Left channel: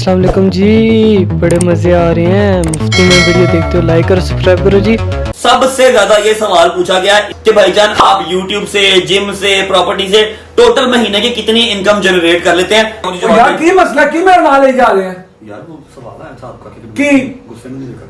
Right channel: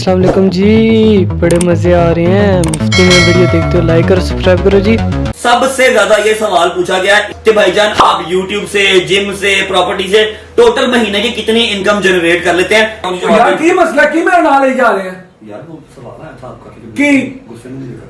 अस्सलाम वालेकुम जी, बड़े मजे आ रहे हैं। मुफ्ती में वीडियो देखते हो, लाइक और सब्सक्राइब करो जी। सबसे ज्यादा ये सवाल पूछा गया कि भाईजान आप YouTube से, जिम से, प्रॉपर्टी से टोटल महीने की कितनी इनकम जनरेट कर लेते हैं? यार की मसला की मेरे नाल ले जा रहे हैं यार वो सवाल है आपका की गुस्से में नहीं देखा।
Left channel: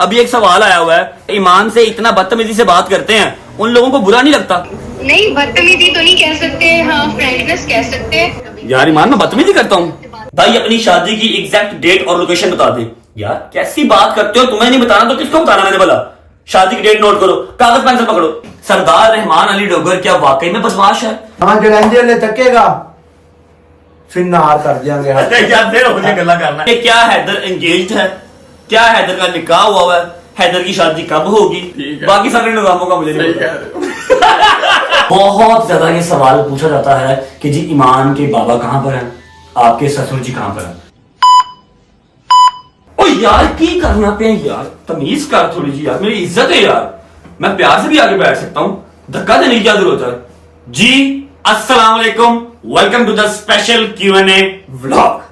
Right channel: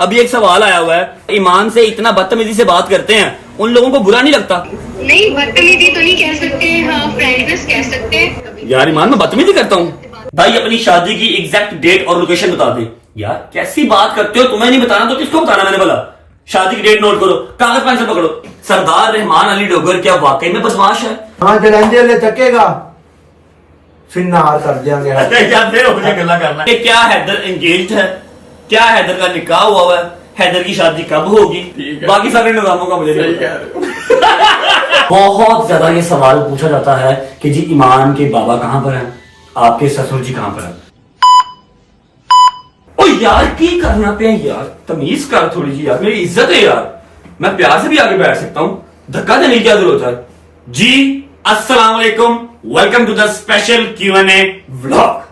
अभी एक सवाल आया हुआ है, ईमान से इतना बदतमीजी से बात करते हैं, उन लोगों को बुरा नहीं लगता? नहीं, बदतमीजी तो नहीं कह सकते, हाँ फ्रेंडनेस कह सकते हैं। यार ईमान मैं बदतमीजी करता हूँ? भाई अपनी शादी की एग्जैक्ट डेट और लोकेशन बता दे। यार कैसी बात करते हो, तुम्हें नहीं बताना तो किसको बताना? मैंने बोला शादी की डेट नोट करो, कागज पेंसिल पकड़ो। सरदार रहमान अली डोगर क्या वाकई में बदमाश है? हाँ जलंधर ले चकेगा फिर नार कर देंगे। यार फिर मुझे गल्ला करना है। क्या हैदर एंगेज्ड है? क्या हैदर का निकाह हुआ है? हैदर की शादी कब होगी? बाकी सारे निजामों का मुझे नहीं पता। बहुत ज्यादा ये सवाल पूछा जाता है कि जी ईमान के बाबा कहां पर हैं, आपके ससुर जी कहां पर हैं? ओ यार की करना पे यार, तमीज कर थोड़ी जी यार, मेरी इज्जत है यार, मैं प्यार से भी आगे बैठ सकता हूं, धक्का देने की क्या जरूरत है? जी अस्सलाम वालेकुम, welcome to the special Q&A vlog.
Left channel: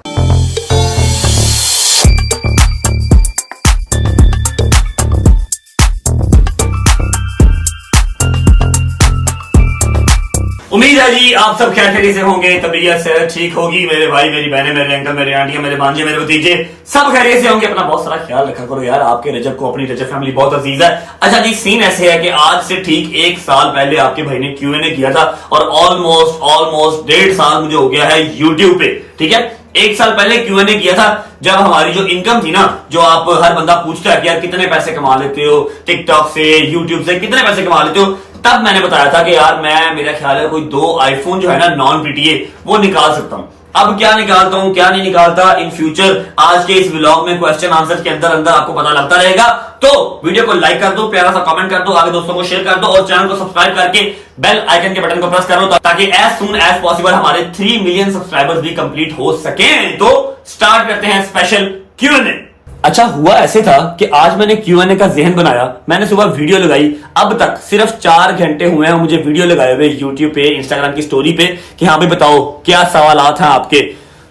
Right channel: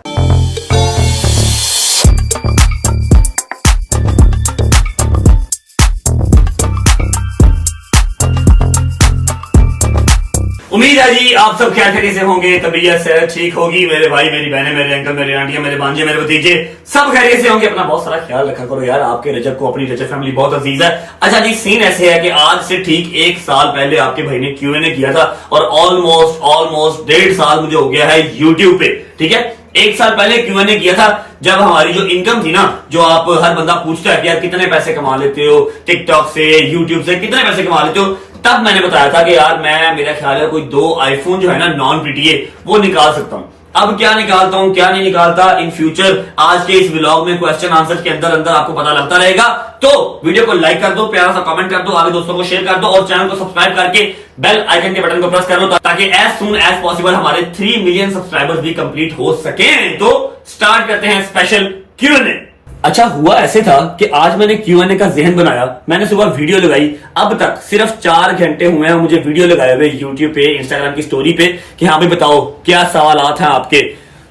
उम्मीद है जी आप सब खैरियत से होंगे, तबीयत से ठीक होगी, मेरे भाई, मेरी बहनें, मेरे अंकल, मेरे आंटियां, मेरे भांजे, मेरे भतीजे सब खैरियत से होंगे। अपना बहुत सारा ख्याल रखा करो यार, आपके रजब को, अपनी रजब फैमिली बहुत अजीज है। अच्छा जी, सीन ऐसे है कि आज से ठीक 1 साल पहले आपके भाई ने Q&A किया था और ऑलमोस्ट 1.5 साल मुझे हो गया है यूट्यूब पे। ठीक है, 1 साल पहले Q&A किया था जब हमारी जो इनकम थी ना, जो आप हर बंदा पूछता है कि यार कितने पैसे कमा लेते हो टिकटॉक से, यूट्यूब से कितने पैसे कमा लेते हो, तब मैंने बताया था कि यार मैं, मेरा ख्याल है कोई 2 आईफोन जो है ना नॉन PTA वो निकाल सकता हूं। अब क्या निकालता हूं क्या नहीं निकालता, इन फ्यूचर आज के इस व्लॉग में क्वेश्चन आंसर के अंदर अंदर आपको पता लगता रहेगा। तो वीडियो को लाइक कर दो, प्यारा सा कमेंट कर दो, आगे दोस्तों को शेयर कर दो और चैनल को सब्सक्राइब करके बेल आइकन के बटन को प्रेस करो ताकि एज सून एज पॉसिबल हमारे 3 मिलियन सब्सक्राइबर्स भी कंप्लीट हो सके। तो स्टार्ट करते हैं स्पेशल Q&A। अच्छा हुआ ऐसे था कि आज मैंने Q&A का ज़हन बनाया, मैंने सुबह वीडियो लगाई, अब तक सिर्फ 4 घंटे हुए हैं मुझे वीडियो लगाए हुए यूट्यूब पे, इंस्टाग्राम की स्टोरी पे कि हाँ भाई बताओ क्या सवालात हैं आपके।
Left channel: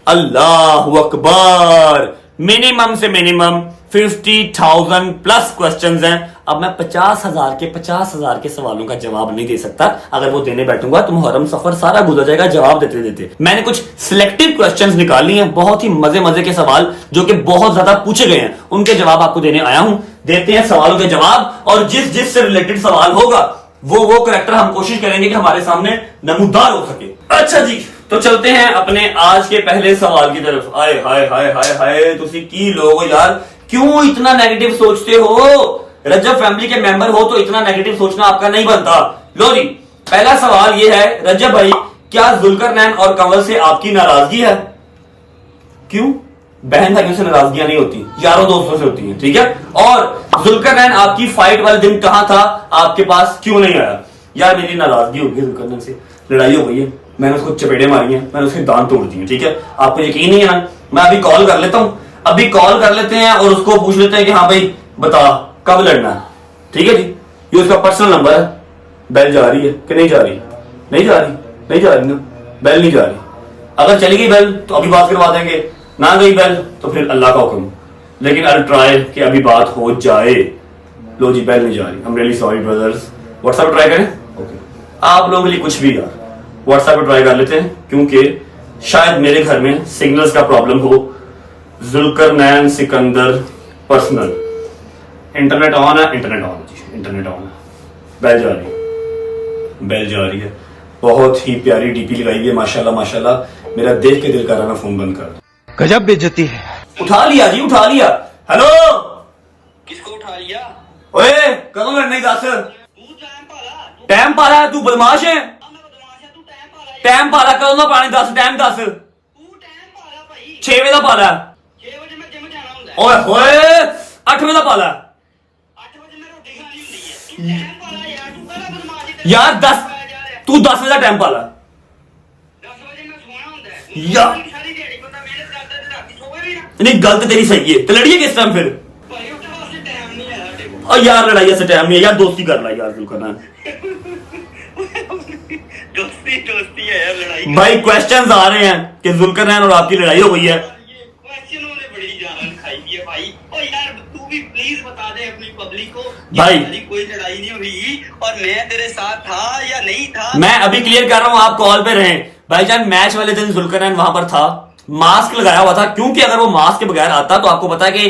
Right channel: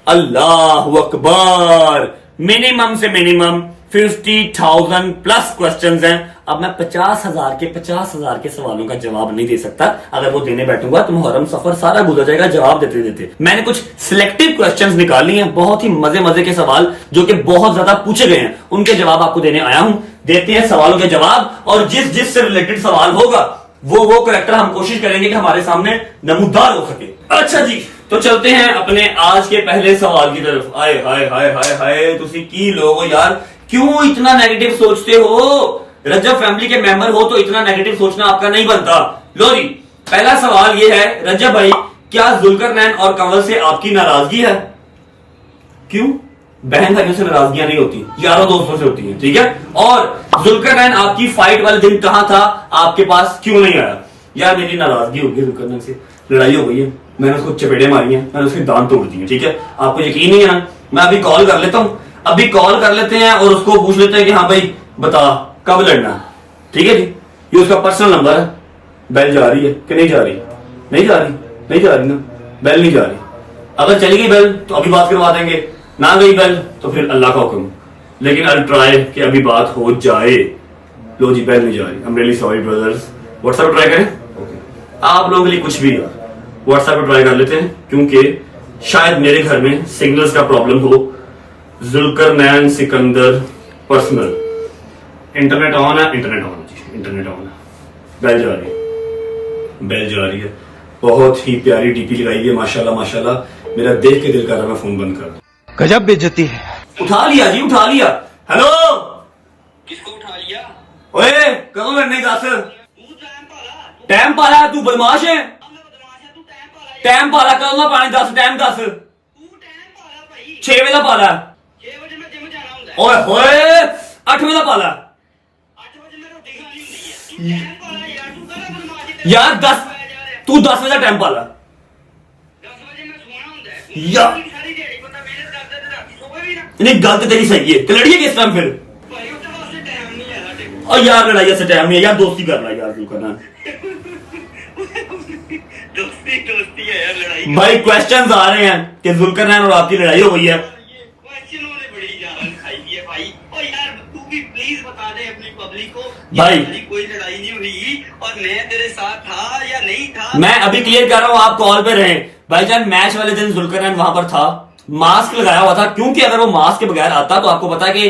अल्लाह अकबर, मिनिमम से मिनिमम 50,000 प्लस क्वेश्चंस हैं। अब मैं 50,000 के सवालों का जवाब नहीं दे सकता, अगर वो देने बैठूंगा तो मुहर्रम सफर सारा गुजर जाएगा जवाब देते देते। मैंने कुछ सिलेक्टिव क्वेश्चंस निकाल लिए हैं, बहुत ही मजे के सवाल जो कि बहुत ज्यादा पूछे गए हैं, उनके जवाब आपको देने आया हूं। देते हैं सवालों के जवाब, और जिस से रिलेटेड सवाल होगा वो करेक्टर हम कोशिश करेंगे कि हमारे सामने नमूदार हो सके। अच्छा जी, तो चलते हैं अपने आज के पहले सवाल की तरफ। आए हाय हाय हाय हाय, तुसी की लोग यार क्यों इतना नेगेटिव सोचते हो? रजब फैमिली के मेंबर हो तो इतना नेगेटिव सोचना आपका नहीं बनता। लो जी, पहला सवाल ये है, रजब भाई क्या जुल्करनैन और कंवल से आपकी नाराजगी है? क्यों? बहन भाइयों से नाराजगियां नहीं होती, यारों दोस्तों से होती हैं। ठीक है, और जुल्करनैन आपकी फाइट वाले दिन कहां था, आपके पास क्यों नहीं आया? यार मेरी नाराजगी हो गई, जुल्करनैन से लड़ाई हो गई है, मैंने उसको चपेड़े मारी हैं, मैंने उसके दांत तोड़ दिए। ठीक है, आपको यकीन नहीं है ना, मैं अभी कॉल कर लेता हूं, अभी कॉल कर लेते हैं और उसको पूछ लेते हैं कि हाँ भाई बता कब लड़ना। ठीक है जी, ये उसका पर्सनल नंबर है। बेल जा रही है कि नहीं जा रही? नहीं जा रही ना, बेल नहीं जा रही। अगर चली गई बेल तो अभी बात करवा देंगे, ना गई बेल तो फिर अल्लाह का हुक्म, लेकिन आई ट्राई कि अभी बात हो जाए। लो जी, बेल नहीं जा रही, I am really sorry brothers. WhatsApp try करें? ओके, आप लोगों के लिए कुछ भी यार व्हाट्सएप पर ट्राई कर लेते हैं, क्योंकि शायद मेरे घर में सिग्नल्स का प्रॉब्लम हो। Zulqarnain Sikandar personal, internet on है, इंटरनेट ऑन है, बेल जा रही है, बहुत ही प्यारी डीपी लगाई हुई है, माशाल्लाह। मेरा देख के दिल कर रहा है मैं फोन बंद कर दूं। गजब बेइज्जती है। उठा लिया जी, उठा लिया। हेलो, किसको उठा लिया? ओए कदों लड़ने दस? टाइम पाला, तू बदमाश है। टाइम पाला कदों ना पानी दस, टाइम दस। 6 बजे का पाला, 6 वजे मैं जिम जाना ਹੁੰਦਾ। ओए होए 8 बजे का पाला। 8 वजे मैं रोटी खानी ਹੁੰਦੀ ਹੈ। ਤੂੰ ਟਾਈਮ ਪਾਲਾ ਯਾਰ, ਤੂੰ ਕਹਦਾ ਬਦਮਾਸ਼ੀ यार 10, तू 10 बजे का टाइम पाला। 10 वजे मैं सोना ਹੁੰਦਾ ਹੈ। यार ਸਾਰੀ ਦਿਹਾੜੀ ਬੰਦਾ ਮਿਹਨਤ ਕਰਦਾ ਤੇ ਰਾਤੀ ਸੋਵੇ ਵੀ ਨਾ। नहीं, गल तो तेरी सही है, तो लड़िए किस टाइम फिर? ਭਾਈ ਉਹਦੇ ਵਾਸਤੇ ਟਾਈਮ ਨਹੀਂ ਹੈ ਸਾਡੇ ਕੋਲ। और यार लड़ाई से टाइम नहीं है यार, दोस्ती करना यार, बिल्कुल ना। दोस्ती दोस्ती है यार, लड़ाई भाई क्वेश्चंस आ रहे हैं कि जुल्करनैन और आपकी लड़ाई हो गई है। क्वेश्चनों ने बड़ी जान खाई है भाई। ओ यार तू भी प्लीज बता दे अपनी पब्लिक को भाई। हमारी कोई लड़ाई नहीं हुई और मैं तेरे साथ था या नहीं था। मैं अभी क्लियर कर रहा हूं, आप कॉल पे रहे भाईजान। मैच वाले दिन जुल्करनैन वहां पर था, मास्क लगाया हुआ था, क्योंकि अगर वो मास्क के बगैर आता तो आपको पता है कि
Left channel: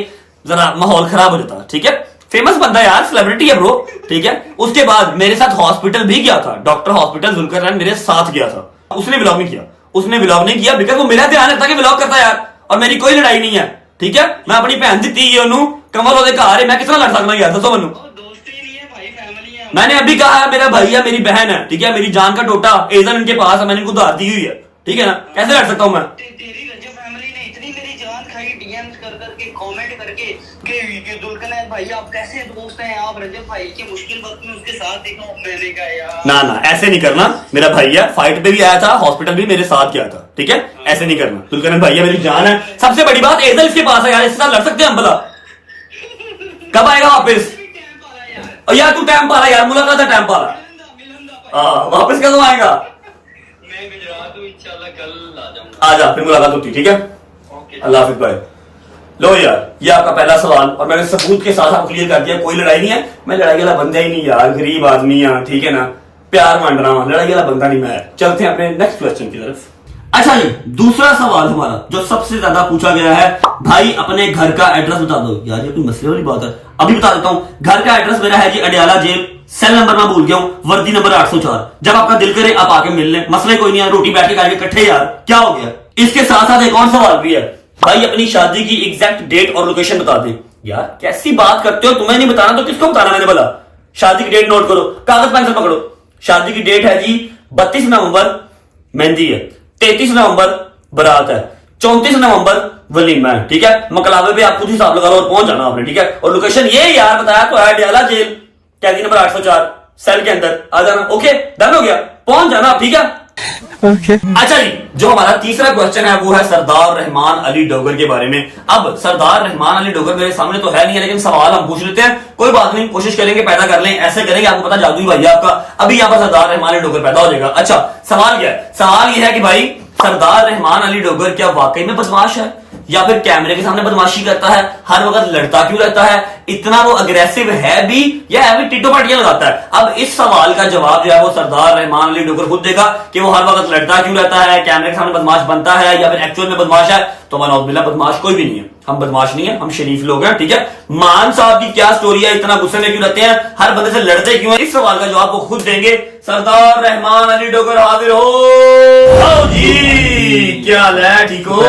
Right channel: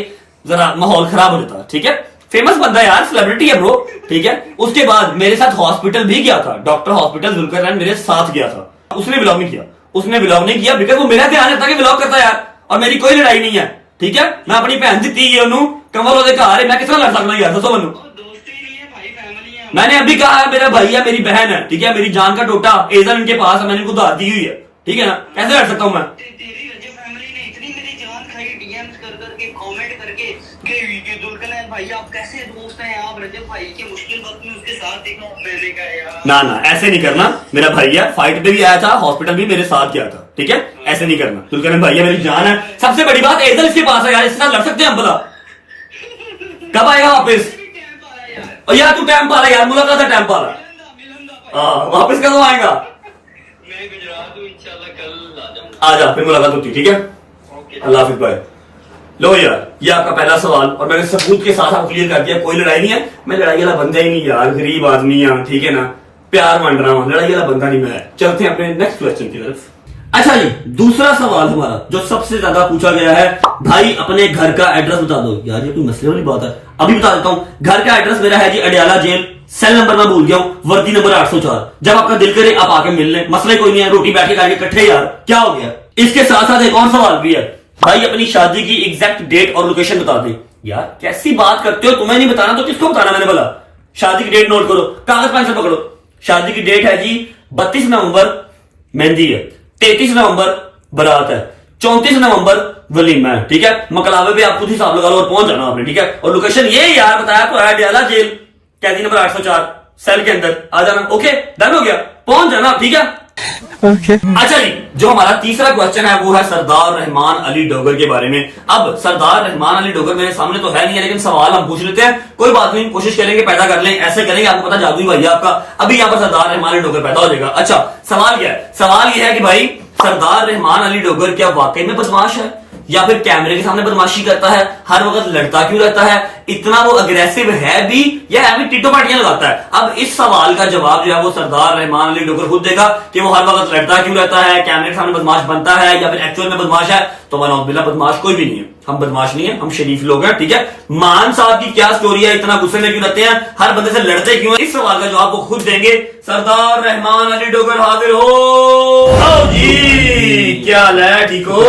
जरा माहौल खराब हो जाता। ठीक है, फेमस बंदा है यार, सेलिब्रिटी है ब्रो। ठीक है, उसके बाद मेरे साथ हॉस्पिटल भी गया था, डॉक्टर हॉस्पिटल जुल्करनैन मेरे साथ गया था। उसने ब्लॉग नहीं किया, उसने ब्लॉग नहीं किया बिकॉज वो मेरा ध्यान रहता कि ब्लॉग करता यार, और मेरी कोई लड़ाई नहीं है। ठीक है, मैं अपनी भैन दी है उन्होंने कमल ओदे घर, मैं किस तरह लड़ सकता यार, दसो मैनू। दोस्ती नहीं है भाई, फैमिली है। मैंने अभी कहा है मेरा भाई है, मेरी बहन है। ठीक है, मेरी जान का टोटा एजन इनके पास है, मैंने इनको उधार दी हुई है। ठीक है ना, कैसे लड़ सकता हूं मैं? तेरी रजब फैमिली ने इतनी मेरी जान खाई डीएम्स कर करके, कमेंट करके कि ये जुल्करनैन भाई आप कैसे दोस्त हैं, आप रजब भाई के मुश्किल वक्त में उसके साथ देखो। मैंने कहा यार ना ना, ऐसे नहीं करना। मेरा भाई है, फाइट पे भी आया था, हॉस्पिटल भी मेरे साथ गया था। ठीक है, ऐसे नहीं करना। जुल्करनैन भाई है, मेरी जान है। सबसे बड़ी बात एजल इसके पास है यार, इसके साथ लड़ सकते हैं हम भला? कब आएगा वापस? और यार तू टाइम पाला यार, मुलाकात है टाइम पाला। वापस कब आएगा? मैं गुजरात हूँ, इंशाल्लाह कल आ जाऊंगा। आ जा, फिर मुलाकात होती। ठीक है, अल्लाह हाफिज भाई। लो यार, ये आपका पहला सवाल और मैंने सबूत के साथ आपको क्लियर कर दिया, कोई लड़ाई नहीं है। मैं लड़ाई वाला बंदा ही नहीं यार, गरीब आदमी है। ठीक है ना, प्यार बांट रहा हूं, लड़ाई वाला बंदा नहीं मैं। चलते हैं अपने नेक्स्ट क्वेश्चन की तरफ। अच्छा जी, दूसरा सवाल हमारा जो सबसे ज्यादा पूछा गया है, भाई अपने घर का एड्रेस बता दो। यार ये कोई मसले वाली बात है, अभी बता देता हूं। घर का एड्रेस मेरा है जी अडियाला जेल, सेल नंबर मैं भूल गया हूं, वर्दी नंबर 804। जब आपका दिल करे आप आके मिल लें, मसले कोई नहीं है, रोटी बैठ के खाएंगे इकट्ठे यार, क्या हो गया। इसके साथ साथ एक और सवाल भी है, भाई अपनी शादी की एग्जैक्ट डेट और लोकेशन बता दे। यार कैसी बात करते हो, तुम्हें नहीं बताना तो किसको बताना? मैंने बोला शादी की डेट नोट करो, कागज पेंसिल पकड़ो। शादी की डेट है जी 32 नवंबर मेहंदी है, 33 नवंबर बारात है, 34 नवंबर वलीमा है। ठीक है, मकलावे पे आप खुद हिसाब लगा लो और पहुंच जाना आपने। ठीक है, और लोकेशन ये यार बताया तो है अडियाला जेल, कैदी नंबर 804, सेल के अंदर आ जाना। ओके, डन हो गया, पहुंच जाना। ठीक है, ओके। अच्छा जी, जो हमारा तीसरा क्वेश्चन है वो है सरदार रहमान अली डोगर के बारे में। अब सरदार रहमान अली डोगर मेरे सामने तो है नहीं है, लेकिन सवाल हम पूछ लेते हैं। कोई बात नहीं, कोशिश करेंगे पैदा कर लें, ऐसे करेंगे आपको पता जादू ही भाई आपका। अभी यहाँ पर सरदार रहमान अली डोगर पैदा हो जाएगा। अच्छा, सवाल क्या है? सवाल ये है कि भाई सरदार रहमान अली डोगर क्या वाकई में बदमाश है या फिर कैमरे के सामने बदमाशी करता है? हर वक्त लड़ता क्यों रहता है? इतना वो अग्रेसिव है भी या है भी टिटो पार्टियां लगाता है? अब इस सवाल का जवाब जो है वो सरदार रहमान अली डोगर खुद देगा कि वो हर वक्त लड़ता क्यों रहता है, कैमरे के सामने बदमाश बनता है या फिर एक्चुअल में बदमाश है। तो मनौबिल्ला बदमाश कोई भी नहीं है, हम बदमाश नहीं है, हम शरीफ लोग हैं। ठीक है, मान साहब की क्या स्टोरी है, इतना गुस्से में क्यों रहते हैं, हर बंदे से लड़ते क्यों है? इस सवाल का जवाब वो खुद देंगे। सरदार रहमान अली डोगर हाजिर हो। आओ जी, क्या हाल है? ठीक हो?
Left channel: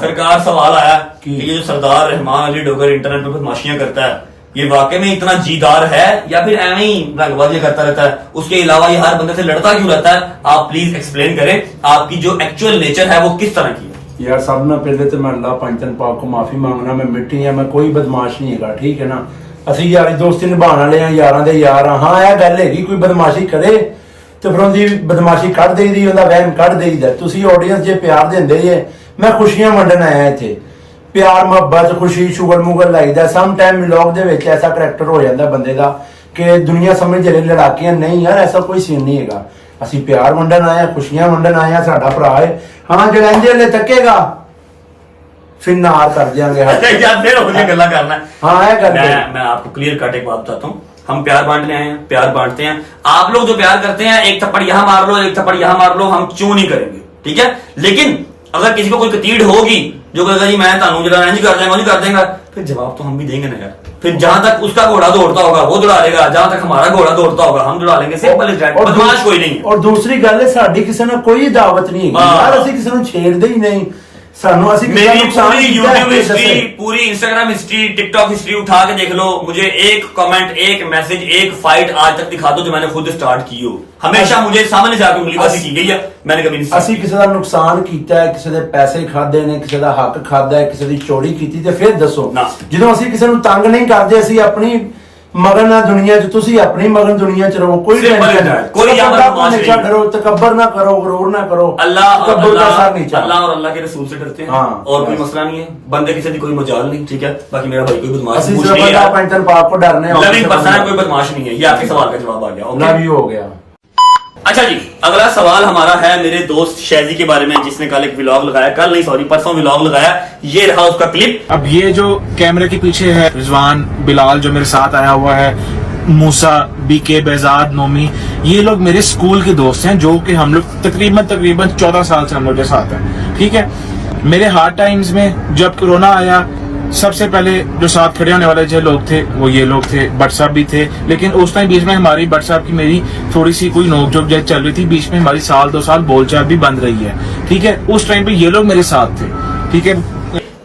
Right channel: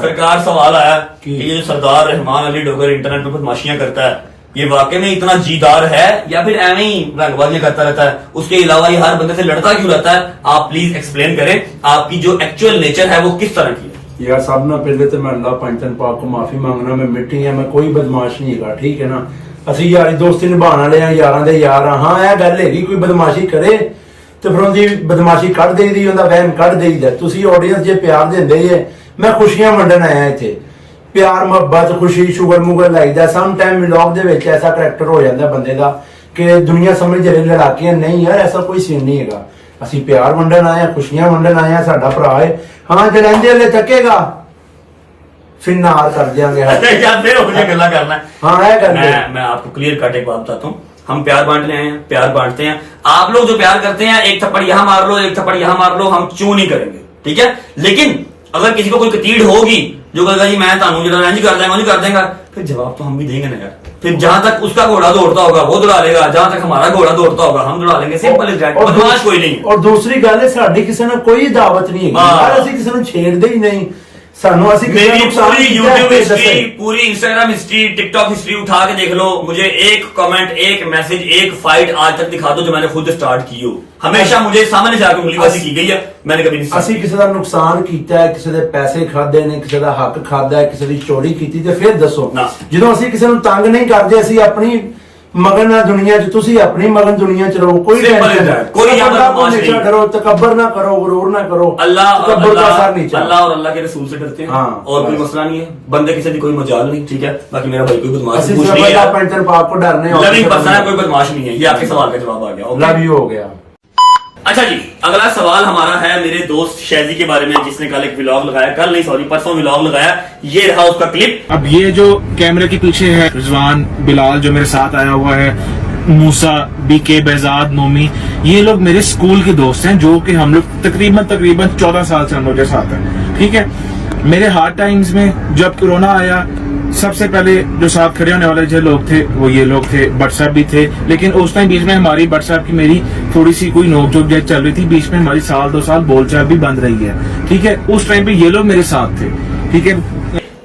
सरकार सवाल आया कि ये जो सरदार रहमान अली डोगर इंटरनेट पर बदमाशियां करता है, ये वाकई में इतना जीदार है या फिर एवं ही रंगबाजी करता रहता है? उसके अलावा ये हर बंदे से लड़ता क्यों रहता है? आप प्लीज एक्सप्लेन करें, आपकी जो एक्चुअल नेचर है वो किस तरह की है? यार सब ना पहले तो मैं अल्लाह पंचन पाक को माफी मांगना, मैं मिट्टी है, मैं कोई बदमाश नहीं है। ठीक है ना, ਅਸੀਂ ਯਾਰੀ ਦੋਸਤੀ ਨਿਭਾਉਣ ਵਾਲੇ ਆ, ਯਾਰਾਂ ਦੇ ਯਾਰ ਆ। ਹਾਂ ਇਹ ਗੱਲ ਹੈਗੀ, ਕੋਈ ਬਦਮਾਸ਼ੀ ਕਰੇ ਤੇ ਫਿਰ ਉਹਦੀ ਬਦਮਾਸ਼ੀ ਕੱਢ ਦੇਈਦੀ, ਉਹਦਾ ਵਹਿਮ ਕੱਢ ਦੇਈਦਾ। ਤੁਸੀਂ ਆਡੀਅנס ਜੇ ਪਿਆਰ ਦਿੰਦੇ ਜੇ, ਮੈਂ ਖੁਸ਼ੀਆਂ ਵੰਡਣ ਆਇਆ ਇੱਥੇ। ਪਿਆਰ ਮੁਹੱਬਤ ਖੁਸ਼ੀ ਸ਼ੁਗਰ ਮੁਗਲ ਲੱਗਦਾ। ਸਮ ਟਾਈਮ ਵਲੌਗ ਦੇ ਵਿੱਚ ਐਸਾ ਕਰੈਕਟਰ ਹੋ ਜਾਂਦਾ ਬੰਦੇ ਦਾ ਕਿ ਦੁਨੀਆ ਸਮਝ ਜਿਹੜੇ ਲੜਾਕੀਆਂ ਨਹੀਂ ਯਾਰ, ਐਸਾ ਕੋਈ ਸੀਨ ਨਹੀਂ ਹੈਗਾ। ਅਸੀਂ ਪਿਆਰ ਵੰਡਣ ਆਏ ਆ, ਖੁਸ਼ੀਆਂ ਵੰਡਣ ਆਏ ਆ, ਸਾਡਾ ਭਰਾ ਹੈ। ਹਾਂ ਜਲੰਦੇ ਵਾਲੇ ਚੱਕੇਗਾ फिर नार कर देंगे। यार फिर मुझे गल्ला करना है। हाँ है करना। मैं आपको क्लियर कट एक बात बताता हूँ, हम प्यार बांटने आए हैं, प्यार बांटते हैं। आप लोग जो प्यार करते हैं, एक थप्पड़ यहाँ मार लो, एक थप्पड़ यहाँ मार लो, हम क्यों नहीं करेंगे? ठीक है, लेकिन अगर किसी को कोई कतीड़ होगी जो कहेगा जी मैं तानू जरा नहीं कर देंगे, नहीं कर देगा, फिर जवाब तो हम भी देंगे ना यार। फिर जहां तक उसका घोड़ा दौड़ता होगा वो दौड़ा लेगा, जहां तक हमारा घोड़ा दौड़ता होगा हम दौड़ा लेंगे। सिंपल इज दैट, बदमाश कोई नहीं है। और दूसरी गल है, साडी किसी ने कोई दावत नहीं है यार, ਅਸੀਂ ਕਿਸੇ ਨੂੰ ਛੇੜਦੇ ਹੀ ਨਹੀਂ। ਸਾਨੂੰ ਅਸੀਂ मेरी पूरी यूट्यूब हिस्ट्री, पूरी इंस्टाग्राम हिस्ट्री, टिकटॉक हिस्ट्री उठा के देख लो, मुझे एक कमेंट, एक मैसेज, एक फाइट आज तक दिखा दो जो मैंने खुद स्टार्ट की हो। हमेशा मुझे सामने जाकर उंगलीबाजी की गई है, मैंने कभी नहीं। ਅਸੀਂ ਕਿਸੇ ਦਾ ਨੁਕਸਾਨ ਕੀਤਾ ਹੈ, ਕਿਸੇ ਦੇ ਪੈਸੇ ਖਾਦੇ ਨੇ, ਕਿਸੇ ਦਾ ਹੱਕ ਖਾਦਾ ਹੈ, ਕਿਸੇ ਦੀ ਚੋਰੀ ਕੀਤੀ ਤੇ ਫਿਰ ਦੱਸੋ। ਜਦੋਂ ਅਸੀਂ ਕਿਸੇ ਨੂੰ ਤੰਗ ਨਹੀਂ ਕਰਦੇ, ਅਸੀਂ ਆਪਣੀ मगन ना दुनिया च, तुसी अपनी मगन दुनिया च रहो, कोई टेंशन नहीं, कोई हमेशा करो, तकब्बर ना करो, गुरूर ना करो। अल्लाह तकब्बर का असर नहीं चलता। अल्लाह और अल्लाह के रसूल से डरते हैं। हाँ, और कोई मसला नहीं है, बंदे किसी की कोई मजाल नहीं। ठीक है, बाकी मेरा भाई कोई बदमाश ਅਸੀਂ कुछ नहीं सिर्फ है, पंचन पाक को डरने लविंग पर्सन है, कोई बदमाश नहीं है। ये आपके सवाल का जवाब आ गया। लव यू हो गया। अच्छा जी, अगला सवाल हमारा है मेरे दोस्त शैजी के बारे में, जिसने कल एक व्लॉग लगाया, कल नहीं सॉरी परसों व्लॉग लगाया। ये रहा उसका क्लिप। अब ये जो कैमरे के पीछे है रिजवान, बिलाल जो मेरे साथ आया हुआ है, मूसा, बीके, बेजाद, नोमी, ये लोग मेरे स्कूल के दोस्त हैं, जो कि हम लोग तकरीबन 14 साल से हम लोग के साथ हैं। ठीक है, मेरे हार्ड टाइम्स में जब कोरोना आया, सबसे पहले जो साथ खड़े होने वाले जो लोग थे वो ये लोग थे, भट्ट साहब भी थे। लेकिन उस टाइम बीच में हमारी भट्ट साहब की मेरी थोड़ी सी कोई नोकझोंक जैसे चल रही थी, बीच में हमारी साल 2 साल बोलचाल भी बंद रही है। ठीक है, उस टाइम पे ये लोग मेरे साथ थे। ठीक है,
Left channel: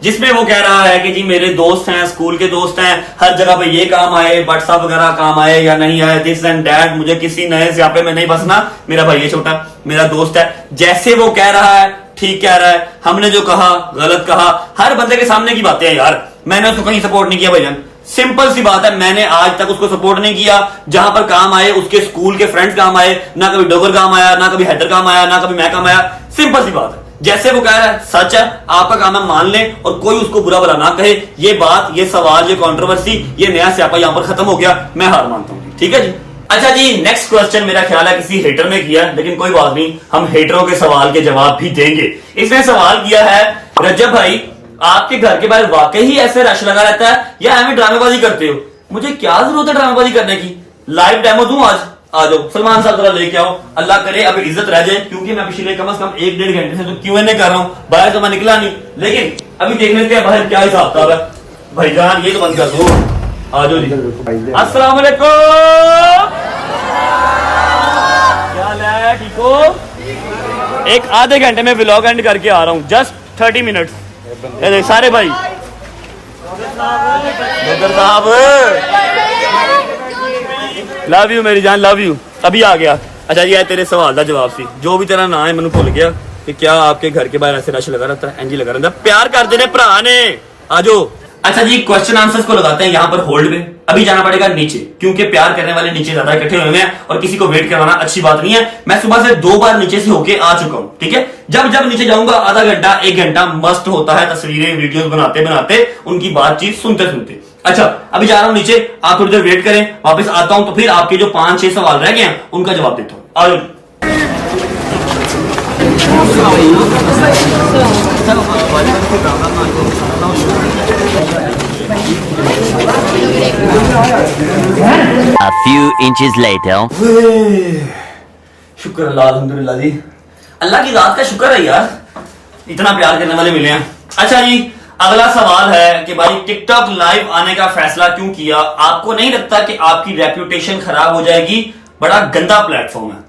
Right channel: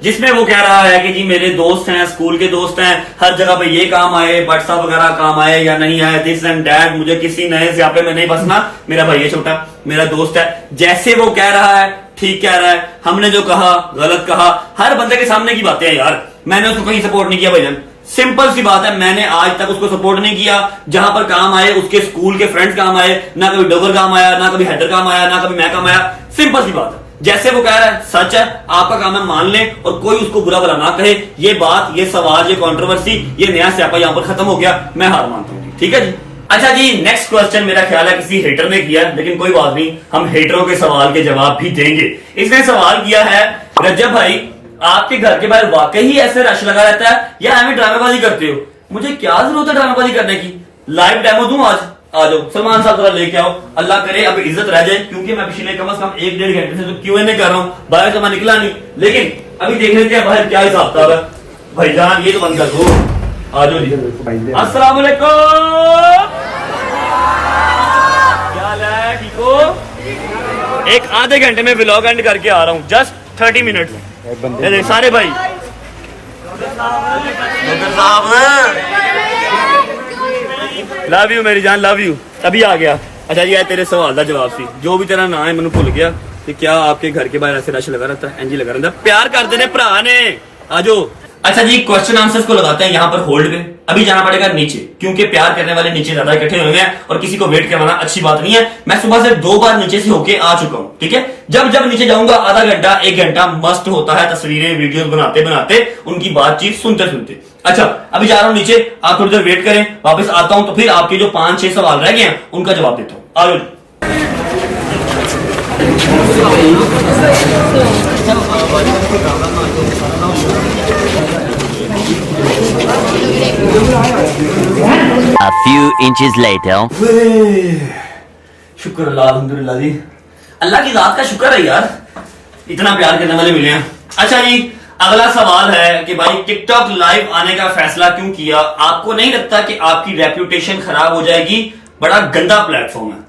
जिसमें वो कह रहा है कि जी मेरे दोस्त हैं, स्कूल के दोस्त हैं, हर जगह पे ये काम आए, भट्ट साहब वगैरह काम आए या नहीं आए, दिस एंड दैट, मुझे किसी नए स्यापे में नहीं बसना, मेरा भाई है छोटा, मेरा दोस्त है। जैसे वो कह रहा है ठीक कह रहा है, हमने जो कहा गलत कहा, हर बंदे के सामने की बातें हैं यार। मैंने उसको कहीं सपोर्ट नहीं किया भाईजान, सिंपल सी बात है, मैंने आज तक उसको सपोर्ट नहीं किया। जहां पर काम आए उसके स्कूल के फ्रेंड्स काम आए, ना कभी डोगर काम आया, ना कभी हैदर काम आया, ना कभी मैं काम आया। सिंपल सी बात है, जैसे वो कह रहा है सच है, आपका काम है मान लें और कोई उसको बुरा भला ना कहे। ये बात, ये सवाल, ये कंट्रोवर्सी, ये नया स्यापा यहां पर खत्म हो गया, मैं हार मानता हूं। ठीक है जी। अच्छा जी, नेक्स्ट क्वेश्चन मेरा ख्याल है किसी हेटर ने किया, लेकिन कोई बात नहीं, हम हेटरों के सवाल के जवाब भी देंगे। इसने सवाल किया है, रजब भाई आपके घर के बाहर वाकई ही ऐसे रश लगा रहता है या हमें ड्रामेबाजी करते हो? मुझे क्या जरूरत है ड्रामेबाजी करने की? लाइव डेमो दूं आज? आ जाओ सलमान साहब जरा लेके आओ, अल्लाह करे अब इज्जत रह जाए, क्योंकि मैं पिछले कम से कम 1-1.5 घंटे से तो Q&A कर रहा हूं, बाहर तो मैं निकला नहीं। लेकिन अभी देख लेते हैं बाहर क्या हिसाब किताब है। भाईजान ये तो बंद कर दो, आ जाओ जी। अस्सलाम वालेकुम, क्या हाल है, ठीक हो? एक आधे घंटे में व्लॉग एंड करके आ रहा हूँ, जस्ट 30 मिनट्स। सारे भाई साहब, लव यू मेरी जान, लव यू। अभी आ गया। अच्छा जी, तेरे सवाल का जवाब सी, जो भी तेरा नाम है मैंने भूल गया, कि क्या आपके घर के बाहर ऐसे रश लगा रहता है? एनजी लगा रहता है, प्यार कर देने भरा ने, आ जाओ। अच्छा जी, क्वेश्चन आंसर्स को लगाते हैं यहाँ पर होल्ड पे। अभी जाना पड़ेगा नीचे, क्योंकि प्यार करने वाले नीचे ज्यादा इकट्ठे हुए हैं और किसी को वेट करवाना अच्छी बात नहीं है। मैं सुबह से 2 बार नीचे से होके आ चुका हूँ। ठीक है, जब जब नीचे जाऊंगा आधा घंटा 1 घंटा मस्त होता है, तस्वीरें वीडियोस बनाते बनाते, उनकी बातचीत सुनते सुनते। अच्छा, अभी जा रहा हूँ नीचे, आप थोड़ी देर वेट करें, वापस आता हूं तो फिर आपके जो 5-6 सवाल रह गए हैं उनका जवाब देता हूँ। आ जाओ। A few inches later. शुक्र अल्लाह, अल्हम्दुलिल्लाह जी, अल्लाह की रात का शुक्र है यार, इतना प्यार करने वाले मिले हैं। अच्छा जी, अगला सवाल है कि भाई टिकटॉक लाइव आने का फैसला क्यों किया? आपको नहीं लगता कि आपकी रेप्यूटेशन खराब हो जाएगी? बड़ा गंदा प्लेटफॉर्म है।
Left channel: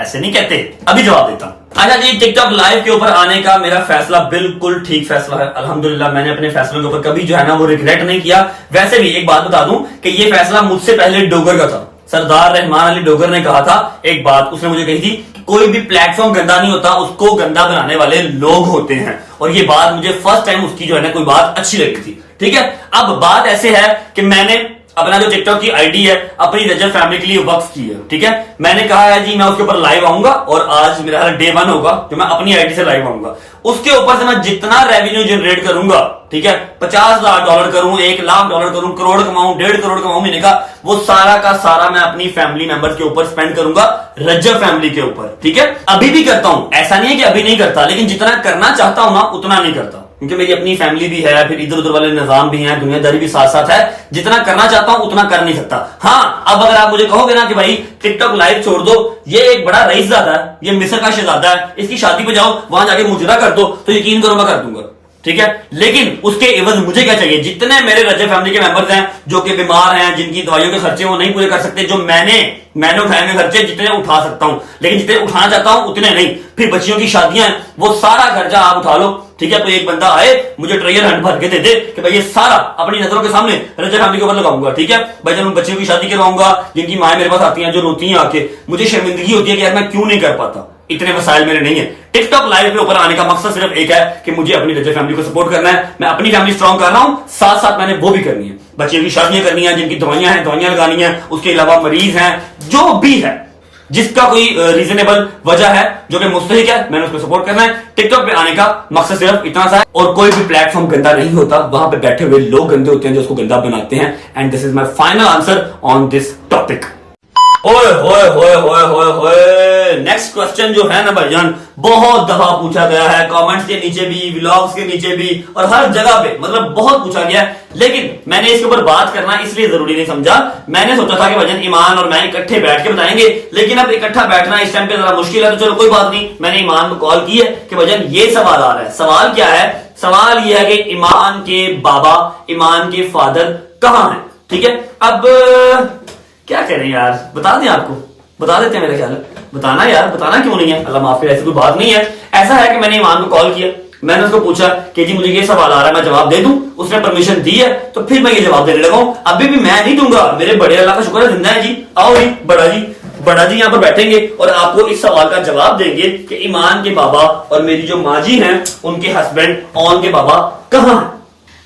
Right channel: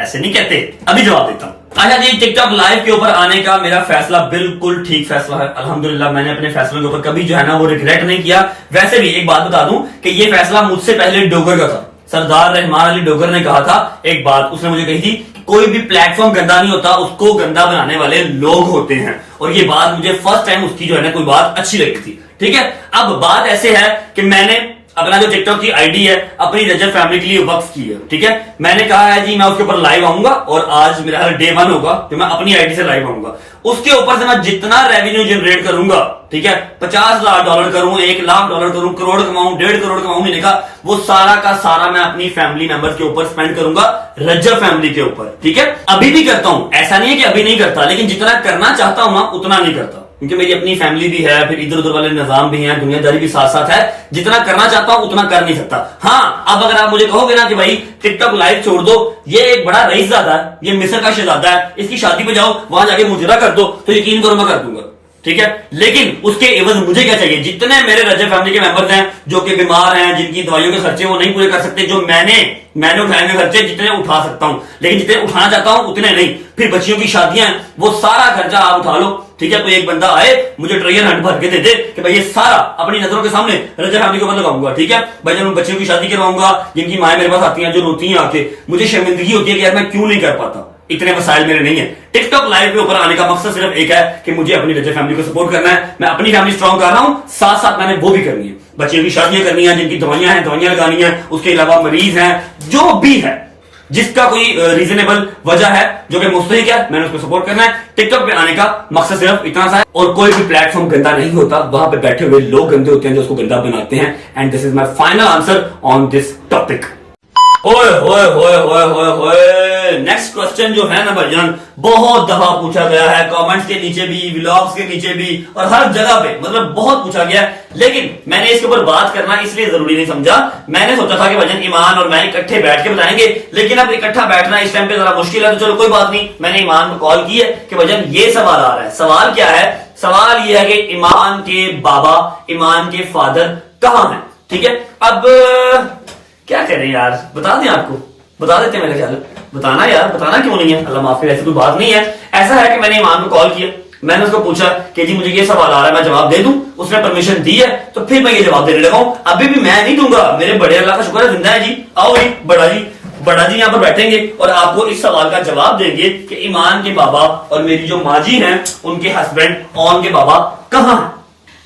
ऐसे नहीं कहते, अभी जवाब देता हूं। अच्छा जी, टिकटॉक लाइव के ऊपर आने का मेरा फैसला बिल्कुल ठीक फैसला है, अल्हम्दुलिल्लाह। मैंने अपने फैसलों के ऊपर कभी जो है ना वो रिग्रेट नहीं किया। वैसे भी एक बात बता दूं कि ये फैसला मुझसे पहले डोगर का था। सरदार रहमान अली डोगर ने कहा था एक बात, उसने मुझे कही थी कि कोई भी प्लेटफॉर्म गंदा नहीं होता, उसको गंदा बनाने वाले लोग होते हैं। और ये बात मुझे फर्स्ट टाइम उसकी जो है ना कोई बात अच्छी लगी थी। ठीक है, अब बात ऐसे है कि मैंने अपना जो टिकटॉक की आईडी है अपनी रजब फैमिली के लिए वक्फ की है। ठीक है, मैंने कहा है जी मैं उसके ऊपर लाइव आऊंगा और आज मेरा डे 1 होगा जो मैं अपनी आईडी से लाइव आऊंगा। उसके ऊपर से मैं जितना रेवेन्यू जनरेट करूंगा, ठीक है, $50 लाख करूं, $1 लाख करूं, करोड़ कमाऊं, 1.5 करोड़ कमाऊं महीने का, वो सारा का सारा मैं अपनी फैमिली मेंबर्स के ऊपर स्पेंड करूंगा, रजब फैमिली के ऊपर। ठीक है, अभी भी करता हूं, ऐसा नहीं है कि अभी नहीं करता, लेकिन जितना करना चाहता हूं ना उतना नहीं करता, क्योंकि मेरी अपनी फैमिली भी है, फिर इधर उधर वाले निजाम भी हैं, दुनियादारी भी साथ साथ है। जितना करना चाहता हूं उतना कर नहीं सकता। हाँ, अब अगर आप मुझे कहोगे ना कि भाई टिकटॉक लाइव छोड़ दो, ये एक बड़ा रईसजादा है, ये मिस्र का शहजादा है, इसकी शादी पे जाओ, वहां जाके मुजरा कर दो, तो यकीन करो मैं कर दूंगा। ठीक है, लेकिन उसके एवज मुझे क्या चाहिए? जितने मेरे रजब फैमिली के मेंबर्स हैं जो कि बीमार हैं, जिनकी दवाइयों के खर्चे वो नहीं पूरे कर सकते, जो मैंने उठाए हुए खर्चे जितने उठा सकता हूं, लेकिन जितने उठाना चाहता हूं उतने नहीं। फिर बच्चियों की शादियां हैं, वो सारा खर्चा आप उठा लो। ठीक है, कोई एक बंदा आए मुझे ट्रेजर हंट भर के दे दे कि भाई ये सारा अपनी नजरों के सामने रजब फैमिली के ऊपर लगाऊंगा। ठीक है भाई, जब मैं बच्चियों की शादी करवाऊंगा, जिनकी माएं मेरे पास आती हैं, जो रोती हैं आके, मुझे शर्मिंदगी होती है कि यार मैं क्यों नहीं कर पाता, इतने वसाइल मेरे नहीं है। टिकटॉक लाइव के ऊपर आने का मकसद सिर्फ एक है कि मुझे अपनी रजब फैमिली को सपोर्ट करना है। मैं अपनी फैमिली स्ट्रॉन्ग कर रहा हूं, साथ साथ मैंने वो भी करनी है, बच्चियों की शादियां करनी है, जिनकी दवाइयां हैं दवाइयां लगानी है, उसके अलावा मरीज हैं, जो भी है जिसका कोई रीजनेबल वजह है जो कि मुस्तहिक है, मैंने उसको सपोर्ट करना है। टिकटॉक पे आने का मकसद सिर्फ इतना सा है, और कोई भी प्लेटफॉर्म गंदा नहीं होता, वहां पे बैठे हुए लोग गंदे होते हैं जो उसको गंदा बनाते हैं। And this is my final answer on this topic. ओए होए होए होए होए होए, नेक्स्ट क्वेश्चन जो है ना भाईजान, बहुत दफा पूछा गया है, कमेंट्स के नीचे भी, व्लॉग्स के नीचे भी, और हर जगह पे, मतलब बहुत पूछा गया है। लेकिन मैंने इसके ऊपर बात करना इसलिए जरूरी नहीं समझा। मैंने सोचा था कि भाईजान ईमान और मैं इकट्ठे बैठ के बताएंगे, लेकिन अब इकट्ठा बैठना इस टाइम पे जरा मुश्किल है, तो चलो कोई बात नहीं। मैंने ईमान को कॉल की है कि भाईजान ये सवाल आ रहा है। सवाल क्या है? सवाल ये है कि ईमान के बाबा, ईमान के फादर कहां हैं? ठीक है, अब क्या करें यार, बता दें आपको, बता देते हैं मेरे ख्याल। बताना यार, बताना क्यों नहीं है, अल्लाह माफ करे, ऐसी कोई बात नहीं है। ऐसा है कि मैंने ईमान को कॉल किया, मैंने उसको पूछा कि जी मुझे ये सवाल आ रहा है, मैं जवाब दे दूं? उसने परमिशन दी है, तो फिर मैं ये जवाब देने लगा हूं। अभी भी मैं नहीं दूंगा, मेरे बड़े अल्लाह का शुक्र है जिंदा है जी। आओ जी, बड़ा जी यहाँ पर बैठेंगे और आपको इस सवाल का जवाब देंगे कि ईमान के बाबा और मेरी जो माँ जी हैं उनके हस्बैंड ऑन के बाबा कहाँ हैं।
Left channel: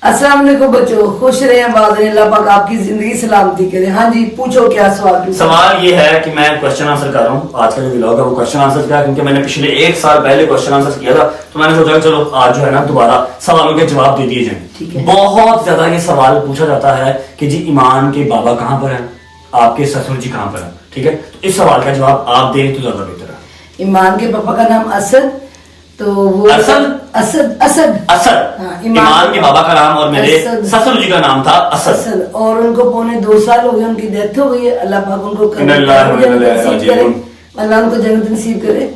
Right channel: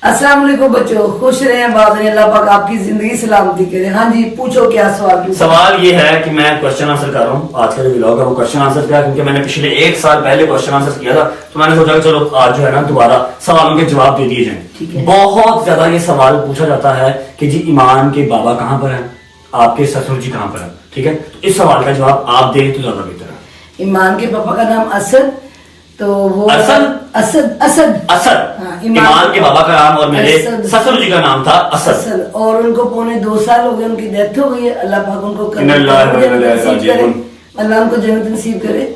अस्सलाम वालेकुम बच्चों, खुश रहे, आबाद रहे, अल्लाह पाक आपकी जिंदगी सलामती करे। हाँ जी, पूछो क्या सवाल पूछो। सवाल ये है कि मैं क्वेश्चन आंसर कर रहा हूँ, आज का जो व्लॉग है वो क्वेश्चन आंसर का है, क्योंकि मैंने पिछले 1 साल पहले क्वेश्चन आंसर किया था, तो मैंने सोचा कि चलो आज जो है ना दोबारा सवालों के जवाब दे दिए ठीक जाए। है। बहुत ज्यादा ये सवाल पूछा जाता है कि जी ईमान के बाबा कहाँ पर हैं, आपके ससुर जी कहाँ पर हैं। ठीक है, तो इस सवाल का जवाब आप दें तो ज्यादा बेहतर है। ईमान के पापा का नाम असद, तो वो असद? असद असद असद। हाँ, ईमान के बाबा का नाम और मेरे असद। ससुर जी का नाम था असद। असद, और उनको पौने 2 साल हो गए, उनकी डेथ हो गई है। अल्लाह पाक उनको नसीब करे, अल्लाह उनको जन्नत नसीब करे।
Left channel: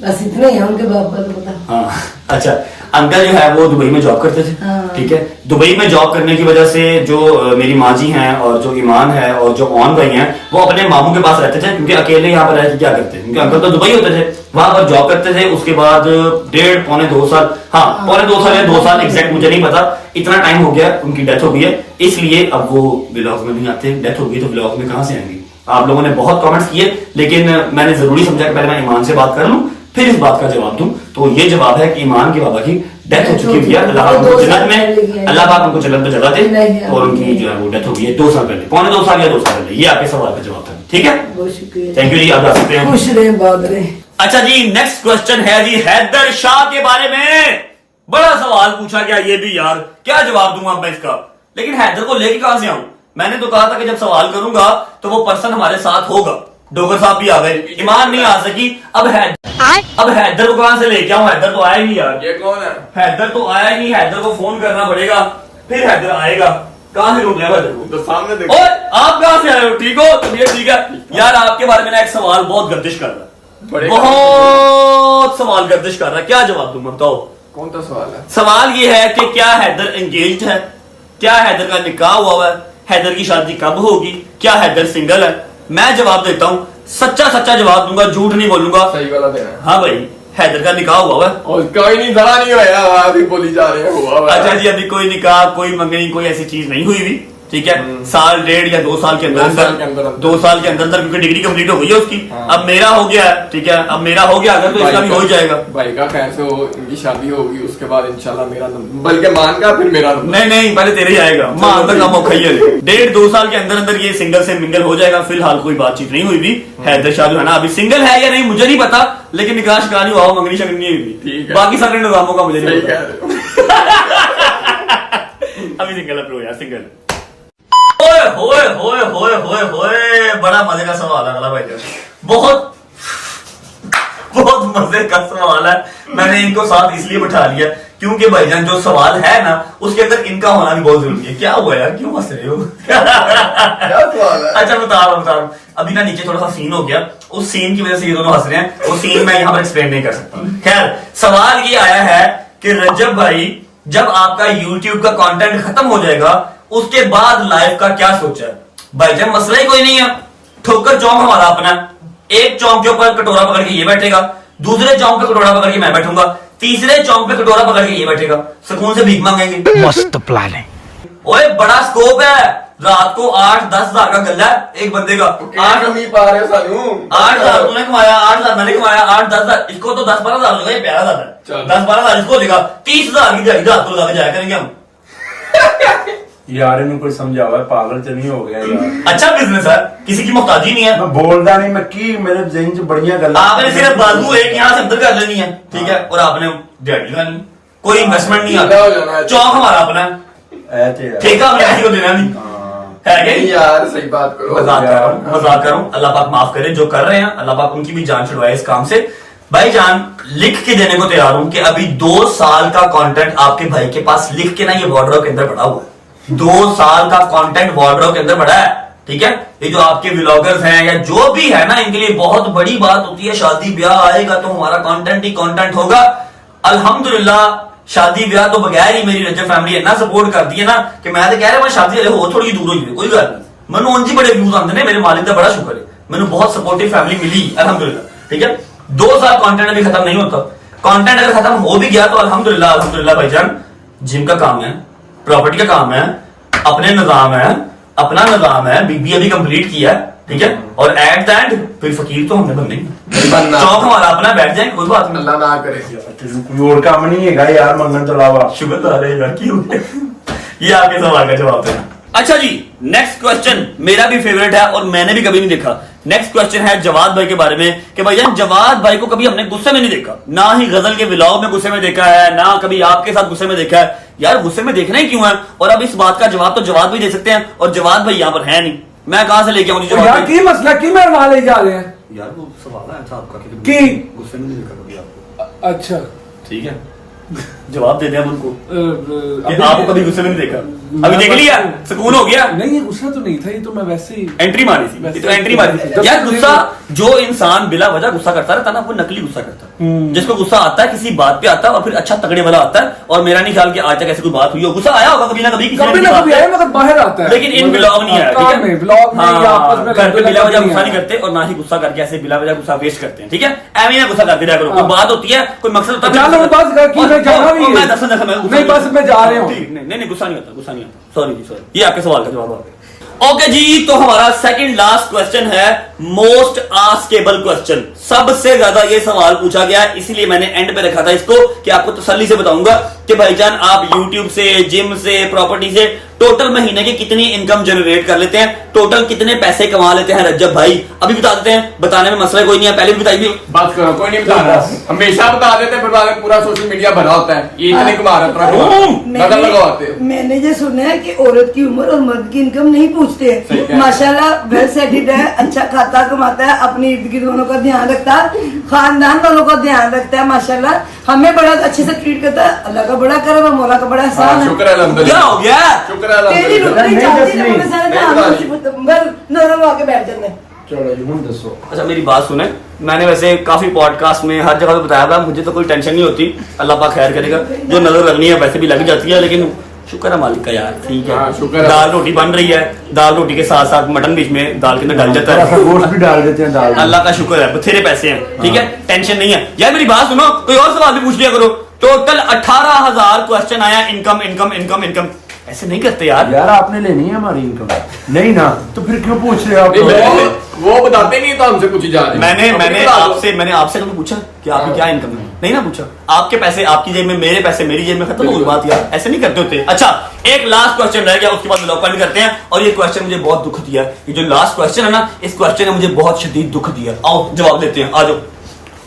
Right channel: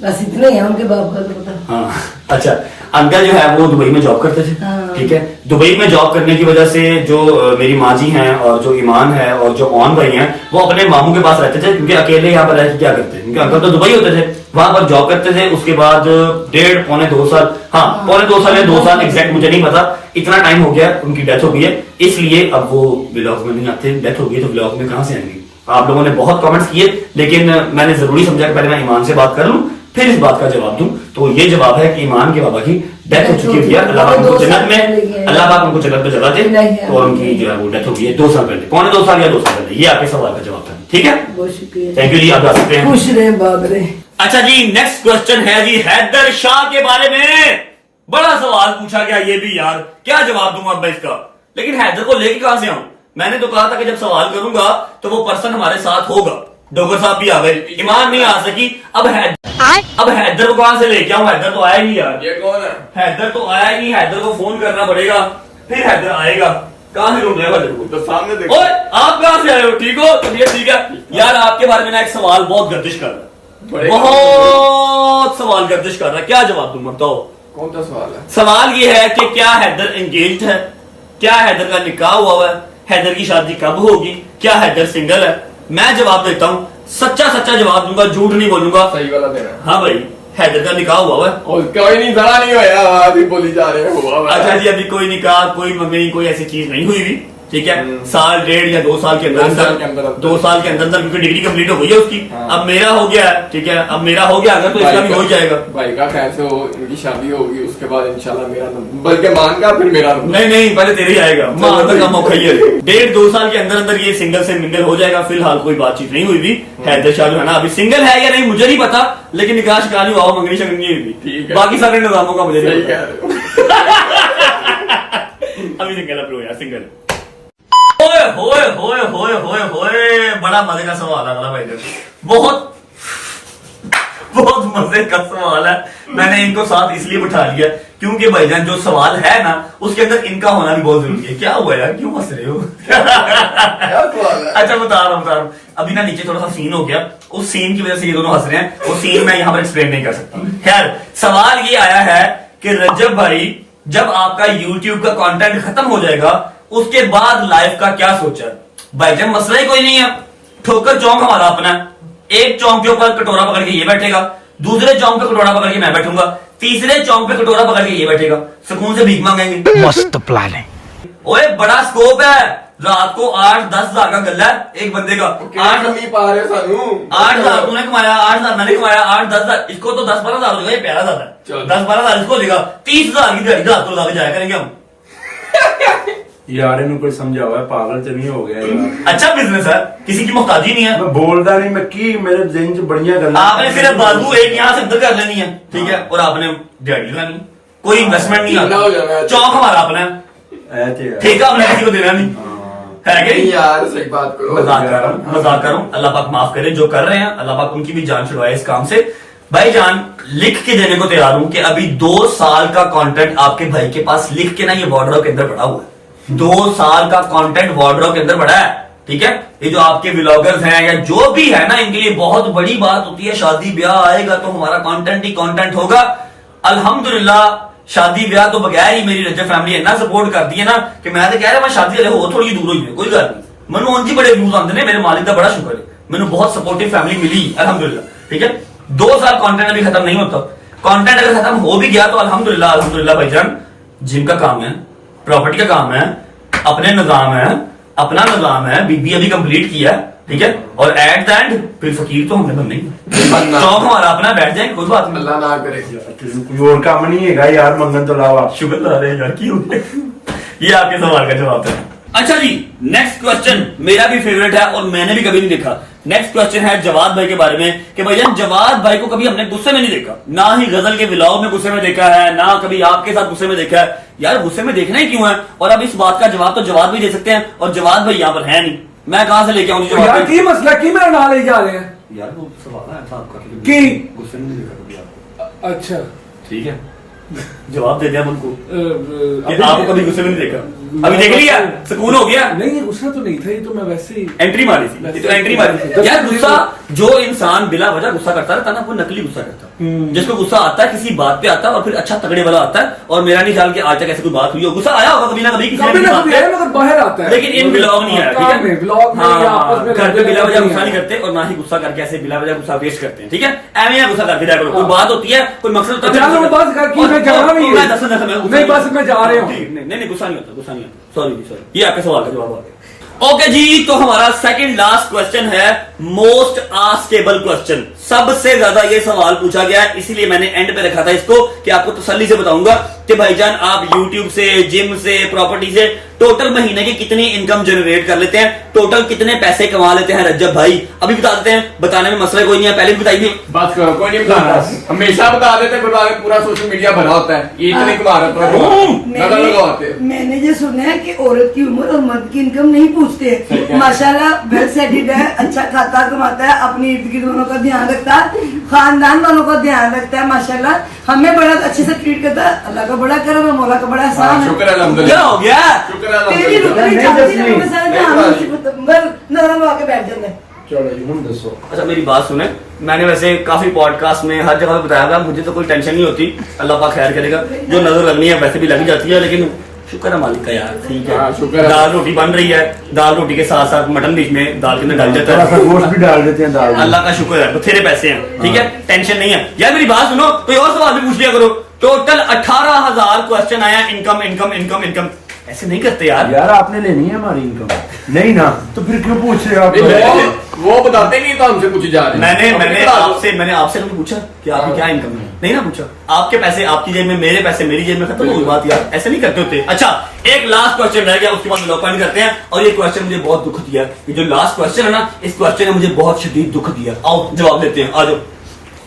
बस इतना ही है उनके बाप का तो पता। हाँ, अच्छा, अंकल जो है वो दुबई में जॉब करते थे। हाँ। ठीक है, दुबई में जॉब करने की वजह से जो मेरी माँ जी हैं और जो ईमान है और जो ऑन भाई हैं वो अपने मामू के पास रहते थे, क्योंकि अकेले यहाँ पर रहते क्या करते, क्योंकि अंकल तो दुबई होते थे, वहां पर जॉब करते थे। उसके बाद 1.5 पौने 2 साल, हाँ पौने 2 साल या 2 साल एग्जैक्ट मुझे नहीं पता, इतना टाइम हो गया, उनकी डेथ हो गई है, इसलिए अब वो ब्लॉग में नहीं आते। डेथ हो गई तो ब्लॉग में कहां से आएंगे। आप लोगों ने बहुत कमेंट्स किए, लेकिन मैंने जरूरी समझा कि पहले मैं ईमान से बात कर लूं फिर इस बात का जवाब दूं। तो ये जवाब है कि ईमान के बाबा की डेथ हो चुकी है, अल्लाह पाक उनको जन्नत में, अल्लाह पाक उनको जन्नत में जगह दे, और उनकी जो है वो डेथ हो गई है 2 साल पहले, पौने 2 साल या 2 साल पहले। ये आपके सवाल का जवाब था। ठीक है, बहुत शुक्रिया, थैंक यू जी, आप जा सकते हैं। खुश रहे, आबाद रहे। अच्छा जी, नेक्स्ट क्वेश्चन है जी हैदर शाह के बारे में। बड़ा सवाल पूछा गया ये भी यार, क्या जवाब दूंगा अब मैं इसका। लेकिन हैदर को लेके कहां से आऊं? मैंने तो कहा था कि जब सवाल करूंगा तो वो पर्सन हमारे साथ होगा। डोगर साहब भी आ गए, ईमान नहीं आ सकी, अब हैदर को कहां से लेके आऊं? हैदर तो आया ही नहीं यार। ये कौन है? हैदर तो आया ही नहीं, हैदर को फोन करना पड़ेगा, फिर हैदर आएगा। कहां से ढूंढ रहे हो हैदर को? तो सामने देखो। ओए, आप कहां से आए हो? ठीक हो? चलिए ठीक है यार, आपके बारे में ना एक सवाल बहुत गर्दिश कर रहा है, बहुत सवाल गर्दिश कर रहा है, क्या जवाब दूं बताओ? कौन सा सवाल है? सवाल ये है कि क्या हैदर एंगेज्ड है, क्या हैदर का निकाह हुआ है, हैदर की शादी कब होगी, क्या हैदर सिंगल है? मैं जवाब देता हूँ, सच्चा जवाब दूंगा, झूठ नहीं बोलूंगा। सही वाला देना। हाँ भाई, हैदर का निकाह हुआ है। और कोई नहीं, धरा नहीं होया, अभी बोली जा रहे हो। अच्छा जी, अभी कोई निकाह, कोई मंगनी, कोई ऐसी चीज नहीं हुई भी। ठीक है, साल 1.5 या 2 साल के अंदर 2 साल के अंदर क्योंकि डिग्री कंप्लीट हो गई है उसकी। अब मेरा हो गया है, ठीक है, अब मेरा हो गया, अगर तो इसका भी हो ही जाएगा। भाई का कैसे हो, इनकी शादी होगी उसके बाद इंशाल्लाह मेरा नंबर, बल्कि मान का फिर मेरा नंबर। नहीं, पहले तेरे ही आएगा, मान तक का मौका ही है। 1.5-2 साल के अंदर ये सिंगल से मिंगल हो जाएगा। फिलहाल कोई बातचीत नहीं हुई भी। हैदर शाह जो है ना अभी सिंगल है या नहीं मुझे नहीं पता, लेकिन निकाह शिकाह नहीं हुआ, मंगनी शंगनी हुई। ठीक है, बाकी सारे निजामों का मुझे नहीं पता। अभी सिंगल है यार, सिंगल। होए होए होए होए होए होए, बड़ा मजे का सवाल है अगला भाई, बहुत मजे का सवाल है। मैंने इनको साथ इसलिए बिठा लिया क्योंकि भाईजान जो सवाल है ना उसके अंदर इनका होना भी बहुत जरूरी है। क्या हुआ यार, क्यों हंस रहे हो? क्या सवाल है? अच्छा बता रहा हूँ। अभी ना नीचे थोड़ा सा सीन हो गया, उस सीन की वजह से ये दोनों हंस रहे हैं, वो सीन मैं यहाँ पर एक्सप्लेन नहीं कर सकता। खैर, सवाल ये आया है कि रजब भाई, जब आपका YouTube का कंटेंट खत्म हो जाएगा उसके बाद लाइफ का क्या सोचा है? भाईजान मसला ही कोई नहीं है, ठोकर चौक हमारा अपना, एक चौक के ऊपर कटोरा पकड़ के ये बैठेगा, दूसरे चौक पे कटोरा पकड़ के मैं बैठूंगा, तीसरे चौक पे कटोरा पकड़ के ये बैठेगा, सुकून से भीख मांगेंगे। मस्त प्लान है। ओए बड़ा स्कोप है, रात को 8-10 हजार का गल्ला है एक बंदे का। 8 नहीं पा रहे सानू। 8 हजार तूने कमाया, 8 हजार मैंने कमाया, 8-10 हजार इसको, तो 10-12 हजार होगा, ये प्यारा ज्यादा है। 10-12 हजार इसको देगा, 30 हजार की दिहाड़ी रात को लगा के जाया करेंगे हम। यार इन्हें कोई समझावा, पागल तो नहीं हो गया यार। अच्छा बिजनेस है, किसी की मोहताजी नहीं है। मैं बोलता नहीं, मैं की मेरे जिन च बड़िया गल्लां। आपने सिर्फ बाजू एक यहाँ से अंदर कर लेनी है, ठीक है, और आपने दिहाड़ी लगानी, कोई इन्वेस्टमेंट नहीं हो जाना है, है। चौक हमारा अपना है, ऐ ते यार। ठेका हमने किसी को देना नहीं। है क्या नहीं यार सही बात करो। मजाक कर रहा हूँ, मजाक कर रहा हूँ। अल्लाह पाक माफ करे, जो कर रहे हैं अल्लाह पाक उनकी भी जान छुड़वाए इस काम से। भाईजान लिख के देने को तैयार हूं कि अभी 2 साल का कंटेंट आपके भाई के पास लिख के ना ये वार्डरोब के अंदर पड़ा हुआ है। 2 साल का कंटेंट वार्डरोब के अंदर पड़ा है, ठीक है। ये जो आपके व्लॉगर्स हैं या जो भी है ना, इनके लिए बहुत बड़ी बात होती है, शादी ब्याह आएगा तो हमारा कंटेंट ही कंटेंट होगा। अल्हम्दुलिल्लाह शादी ब्याह तो बगैर ही मेरी रजब फैमिली इतना सपोर्ट करती है ना कि मैं तो कह रहा शादी वाले हो थोड़ी दूर हुई है, कोई गल नहीं। मैंने उनकी बड़े व्यूज आते हैं, मेरे मालिक का बड़ा शुक्र है, मैंने बहुत सपोर्टिव फैमिली मिली अल्हम्दुलिल्लाह, ठीक है। 2 साल कंटेंट अभी खत्म नहीं होता। कंटेंट अगर खत्म हो भी गया तो अल्हम्दुलिल्लाह अल्हम्दुलिल्लाह भाईजान, जिम का काम है, प्रॉपर्टी का काम है, अपने निजाम है, अपना निजाम है, बीबी अभी कंप्लीट किया, ठीक है। और एट द एंड फिर फकीर तो हमने बनना ही बनना। चौक हमारा अपना, बैठ जाए कोई बात नहीं। अल्लाह ना करे। कोई और काम नहीं है यार मंगन तो अलावा। शुक्र अरे यार क्यों ये आपके सवाल का जवाब है। अच्छा जी, नेक्स्ट क्वेश्चन मेरा भी फेवरेट है और मैंने भी कभी नहीं देखा। नेक्स्ट क्वेश्चन है जवाद भाई के बारे में कि भाईजान जवाद भाई को कभी हमने गुस्से में नहीं देखा, ना ही गजल के व्लॉग में गुस्से में देखा है, ना कभी आपके साथ गुस्से में देखा है। यार गुस्से में देखना ही क्यों है? और अब इस बात का जवाब तो जवाद भी दे सकते हैं और जवाद भाई यहाँ पर है नहीं, मैं कहां से लेके आऊं यार जवाब? की मसला की मेरे नाल ले जा रहे हैं यार वो सवाल आया था आपका कि गुस्से में नहीं देखा कभी आपको, अच्छा ठीक है। जवाब दे दिया उनको कि अभी- आपको कभी गुस्से में नहीं देखा। अभी देख लिया, सुकून हो गया। नहीं ये गुस्सा तो नहीं था, ये तो मैं वैसे ही एंट्री मारी थी, ये तो एंट्री मारी थी। यार गुस्सा, जो इंसान बिला वजह गुस्सा करता रहता ना, वो नकली गुस्सा करता है। जिसको गुस्सा आता है किसी बात पे आता है और फिर अच्छा तगड़े वाला आता है। और मेरा नहीं ख्याल कि आज तक ऐसी कोई बात हुई हो, गुस्सा आया होगा कभी ना कभी किसी कभी ना बात कभी पे। आया, मतलब बाहर आता है, लेकिन इन ब्लॉग नहीं है, ठीक काम में, है। ब्लॉग में या आपस में घर पे बिला वजह गुस्सा नहीं है। करते और ना ही गुस्सा करके ऐसे बिला वजह गुस्सा वेस्ट करते हैं, ठीक है। एवं ही गुस्सा करके जाया करो, कोई बात होती है, कोई मकसद होता है। चलो बस कर, क्यों मैं जाना नहीं है। मैं दस मैं गुस्सा नहीं, बस मैं जा रहा हूँ। नहीं गुस्सा नहीं होता, गुस्सा नहीं होता। सॉरी जी सॉरी, ये आपके सवाल का जवाब आ गया। ओके जी, तो हमारा सेकंड लास्ट क्वेश्चन है मोस्ट आस्केबल क्वेश्चन। सबसे ज्यादा ये सवाल पूछा गया है, इसीलिए मैंने एंड पे रखा था इसको कि आपको तसल्ली से बताऊंगा कि भाईजान आप यूट्यूब से, जिम से, प्रॉपर्टी से टोटल महीने की कितनी इनकम जनरेट कर लेते हैं, टोटल कितने पैसे कमा लेते हैं रज्जब भाई? अभी बता देते हैं, बताने में मसला कोई नहीं है, पहले भी बताइए। बात करो, कोई नहीं बता रहा, हमेशा बता देते हैं, फिर बाद में पूरा सोशल मीडिया भरा होता है, ये इतने कमा रहा था लगवाते हैं। मैंने ये सुना है कि औरत की उम्र और मर्द की इनकम नहीं पूछते। माशाल्लाह वेल सेटेड है, अच्छा खाता कमाता है, अपनी इर्द गिर्द वालों का ध्यान रखता है, खानदान वालों का ध्यान रखता है, माशाल्लाह हमें बड़ा अच्छे से ट्रीट करता है। अल्लाह का बड़ा करम है, मौला का बड़ा एहसान है। शुक्र है अल्हम्दुलिल्लाह। क्या हो गया? शुक्र है तेरी अल्हम्दुलिल्लाह। रुकनी चाहती है, अपने सारे नहीं, ध्यान नरम आके बैठ जाते हैं। चलो जी हुन दसो। अच्छा मेरी बात सुने, मैंने वैसे काफी पॉडकास्ट में हर जगह पे बताया था, मुझे तो कोई टेंशन नहीं होती, अल्लाह पाक खैर करेगा। जो नजर लगनी है वैसे भी लग जाती है, लेकिन शुक्र है मालिक का यार, ठीक है। हाँ, शुक्र है। दाल रोटी बन रही है, दाल रोटी के साथ साथ मटन बीच में दाल के अंदर डल जाता थोड़ा सा है। गोश्त भी डाल देते हैं दाल में। अल्लाह का शुक्र है, बथेरे पैसे हैं, ठीक है, टेंशन नहीं है। यार मेरी बात सुनो, कोई और सवाल भी पूछ लिया करो। टोटल 18,000 क्वेश्चन आया, इनकम इनकम इनकम इनकम। ऐसे नहीं करते यार। यार आपने लेनी है हमारी इनकम? नहीं ना, तो फिर क्यों पूछ रहे हो आप? वो बताते नहीं तो हमसे पूछी जा रही है। मैंने बता दो। आपसे कभी पूछा कि आपकी क्या इनकम है? नहीं ना पूछा। आपके पैसे आपकी जेब में, मेरे पैसे मेरी जेब में, खत्म हो गई बात यार, ऐसे नहीं करते होते। अच्छा एक लास्ट क्वेश्चन रह गया, उसके बाद व्लॉग भी करते हैं। और ये क्वेश्चन मुझे बहुत दुख दिया, ये जो लास्ट क्वेश्चन है ना, इस क्वेश्चन ने मुझे बहुत शदीद दुख दिया। आओ जवाब देते हैं, आ जाओ।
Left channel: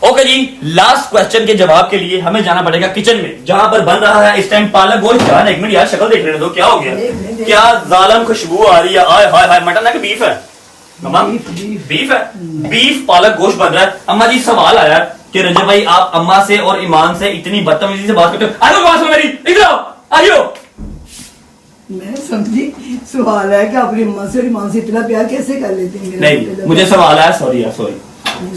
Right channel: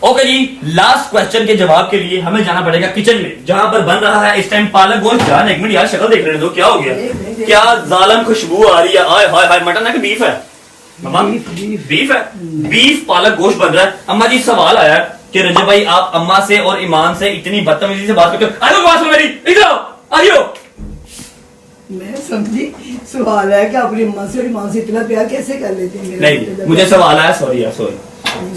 ओके जी, लास्ट क्वेश्चन के जवाब के लिए हमें जाना पड़ेगा किचन में, जहां पर बन रहा है इस टाइम पालक गोश्त। यार एक मिनट यार, शक्ल देख रहे दो, क्या हो गया? क्या जालम खुशबू आ रही है? हाय हाय हाय, मटन है कि बीफ है? मम्मा बीफ है, बीफ पालक गोश्त बन रहा है। अम्मा जी सवाल आया कि रजब भाई आप अम्मा से और ईमान से इतनी बदतमीजी से बात करते हो। आयो बात मेरी, इधर आओ, आइयो। मैं समझी सवाल है कि अपनी अम्मा से और ईमान से इतना प्यार कैसे कर लेते हैं? नहीं, मुझे सवाल आया, सॉरी यार सॉरी,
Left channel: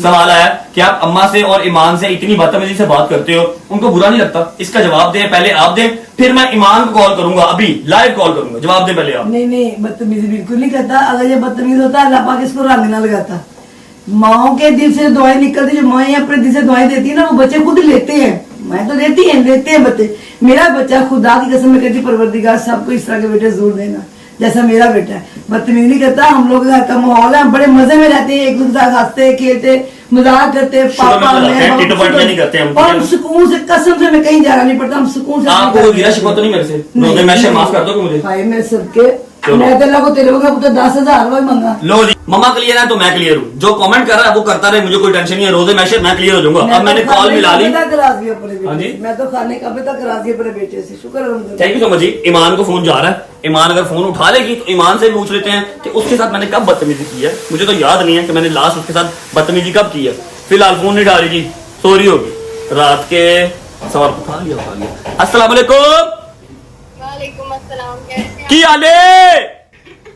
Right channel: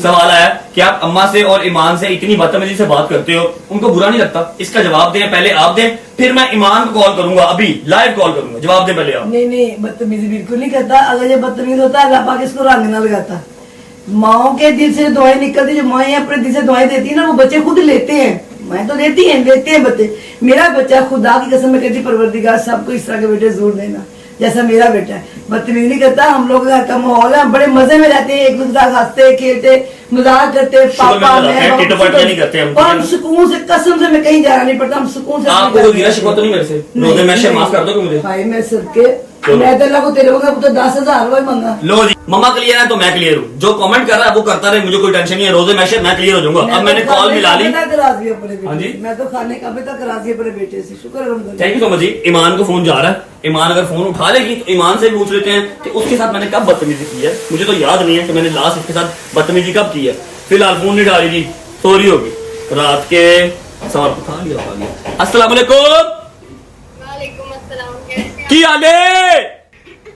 सवाल आया कि आप अम्मा से और ईमान से इतनी बदतमीजी से बात करते हो, उनको बुरा नहीं लगता? इसका जवाब दें, पहले आप दें, फिर मैं ईमान को कॉल करूंगा, अभी लाइव कॉल करूंगा। जवाब दें पहले आप। नहीं बदतमीजी बिल्कुल नहीं करता। अगर ये बदतमीज होता अल्लाह पाक इसको रंग ना लगाता। माओ के दिल से दुआएं निकलती, जो माएं अपने दिल से दुआएं देती है ना, वो बच्चे खुद लेते हैं। मैं तो लेते हैं बच्चे। मेरा बच्चा खुदा की कसम में कहती, परवरदिगार सबको इस तरह के बेटे जरूर देना जैसा मेरा बेटा है। बदतमीजी नहीं करता। हम लोग घर का माहौल है, बड़े मजे में रहते हैं, एक दूसरे के साथ हंसते खेलते मजाक करते, पापा और हम सुकून से, कसम से मैं कहीं जाना नहीं पड़ता, हम सुकून से। आपको गिरा शिकवा तो नहीं मेरे से? रोजे में माफ कर दो मुझे। भाई मैं सबके मैं तो लगो तेरे को तो 10,000 वही मंगा। लो जी, मम्मा क्लियर है तो मैं क्लियर हूँ। जो कमेंट कर रहा है वो करता रहे, मुझे कोई टेंशन नहीं है। रोजे मैशर मैं क्लियर हो जाऊंगा। अब मैंने कॉल मिला ली। करा दिया अपने हाँ जी। बेटे, मैं तो खाने का भी तक करा दिया अपने बेटे से, शुक्र है। थैंक यू सो मच जी। ईमान को फोन जा रहा है, ईमान अगर फोन उठा लेगी तो ईमान से पूछ लेते हैं कि उसके साथ मैंने कब बदतमीजी की है। मुझे तो याद नहीं है कि मैंने लास्ट उसके साथ बदतमीजी कब की है। फिलहाल फोन नहीं उठा रही जी, सॉरी होगी। रात के सवाल उठा लिया। अस्सलाम वालेकुम। वालेकुम अस्सलाम, कैसे हैं की हाल है?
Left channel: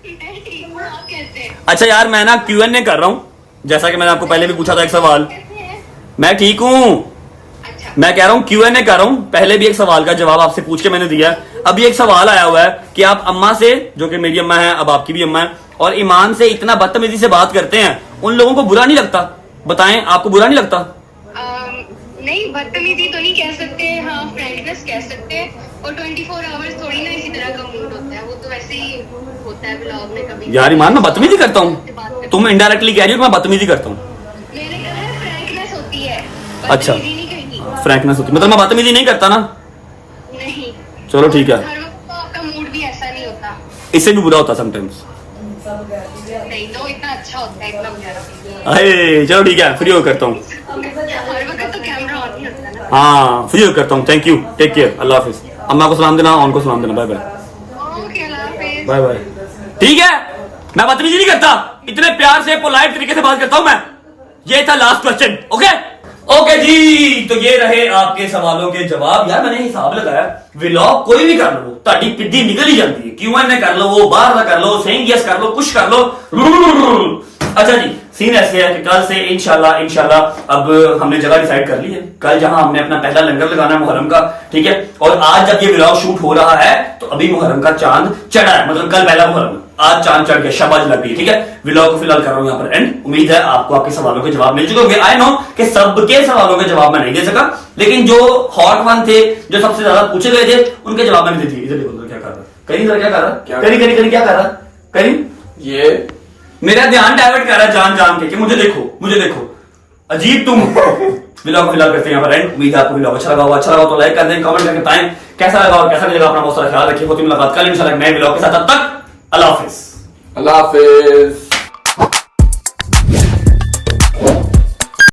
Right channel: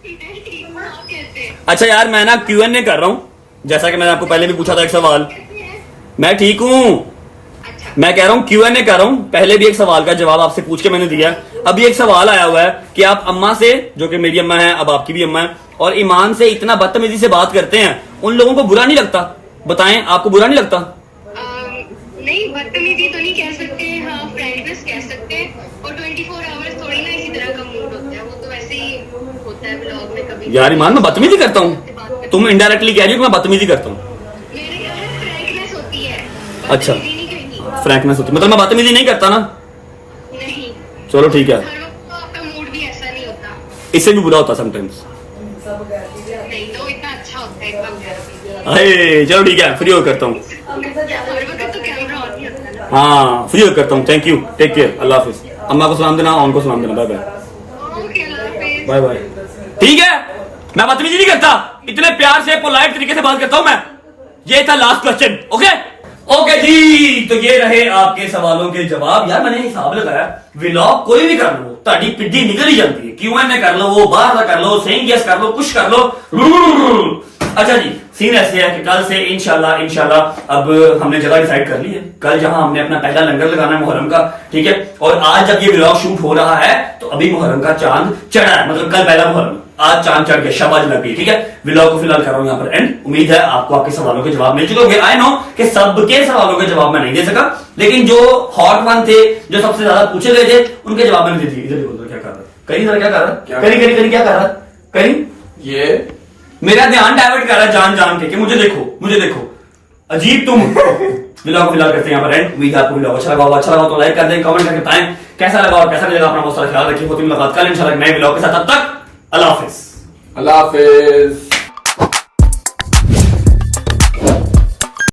मैं ठीक हूँ, आप कैसे हैं? अच्छा यार, मैं ना Q&A कर रहा हूँ, जैसा कि मैंने आपको पहले भी पूछा था एक सवाल। कैसे हैं? मैं ठीक हूँ। अच्छा, मैं कह रहा हूँ Q&A कर रहा हूँ। पहले भी एक सवाल का जवाब आपसे पूछ के मैंने दिया है। अभी एक सवाल आया हुआ है कि आप अम्मा से, जो कि मेरी अम्मा है, अब आपकी भी अम्मा है, और ईमान से इतना बदतमीजी से बात करते हैं, उन लोगों को बुरा नहीं लगता? बताएं, आपको बुरा नहीं लगता? नहीं बदतमीजी तो नहीं कह सकते, हाँ फ्रेंडनेस कह सकते हैं। और 24 आवर्स थोड़ी ना इसी तरह का मूड होता है, वो तो वैसे ही होता है ब्लॉग में कभी। यार ईमान, मैं बदतमीजी करता हूँ? तुम इनडायरेक्टली कह रही हो कि मैं बदतमीजी करता हूँ? मेरे यहाँ फ्रैंकनेस होती है, अच्छा। बदतमीजी नहीं कहनी। फ्रैंकनेस होती, मतलब मैं बदतमीजी नहीं करता ना? नहीं, चलो ठीक है। हर वक्त आपका मूड भी ऐसा नहीं होता। इससे भी बुरा होता समटाइम्स। नहीं तो इतना अच्छा होता है, एकदम प्यारा। अरे चलो ठीक है, फ्री हो करता हूँ। हर वक्त तो कैमरा ऑन ही होता है ना। हाँ, फ्री हो करता हूँ। Thank you, take care, Allah हाफिज। अम्मा को सलाम देना, ऑन को सलाम देना। Bye bye. ओके, अल्लाह हाफिज। Bye bye. ठीक है, मैं बदतमीजी नहीं करता, इतने प्यार से पोलाइट तरीके से बात करता हूं मैं। ये था लास्ट क्वेश्चन। ओके ओके जी, तो ये रहे आपके सवालों के जवाब। यार मैंने हिसाब लगाया, व्लॉग कोई भी कर लो, ताड़ी पिड्डी निकल ही जाती है। Q&A कर लो, वो बाहर कर लो, सेइंग यस कर लो, कुछ कर लो। अच्छा जी, सीन ऐसे है कि कल से इंशाल्लाह अब हमने जगह डिसाइड कर ली है। कल जहां हमने अपना पहला लंगर लगाना है मुहर्रम का, ठीक है। और आज जब ये व्लॉग शूट हो रहा है तो अभी मुहर्रम का चांद चढ़ा है, मतलब कल पहला मुहर्रम, आज चांद चढ़ गया, शबाज लग गई, ठीक है। व्लॉग को फिलहाल कर रहा हूं यहाँ पर एंड। उम्मीद है आपको आपके सवालों के जवाब मिल चुके होंगे। आई नो कि सबके सवालों के जवाब मैं नहीं दे सका, लेकिन जो हॉट वन थे, जो सबसे ज्यादा पूछे गए थे, उनके जवाब मैंने दे दिए। इधर देखो क्या कर रहा है करीम, क्या कर रहा है करीम, क्या कर रहा है करीम? ये मेरा ध्यान डाइवर्ट कर रहा है जान जान के, मुझे देखो अजीब तुम। व्लॉग को फिलहाल करते हैं यहाँ पर एंड। उम्मीद है आपको व्लॉग अच्छा लगा तो लाइक कर दें, कमेंट करके बताएं कैसा लगा और कैसा नहीं लगा। अपना बहुत सारा ख्याल रखिए। होती मुलाकात कल इंशाल्लाह नए व्लॉग के साथ। तब तक अल्लाह हाफिज। अल्लाह हाफिज।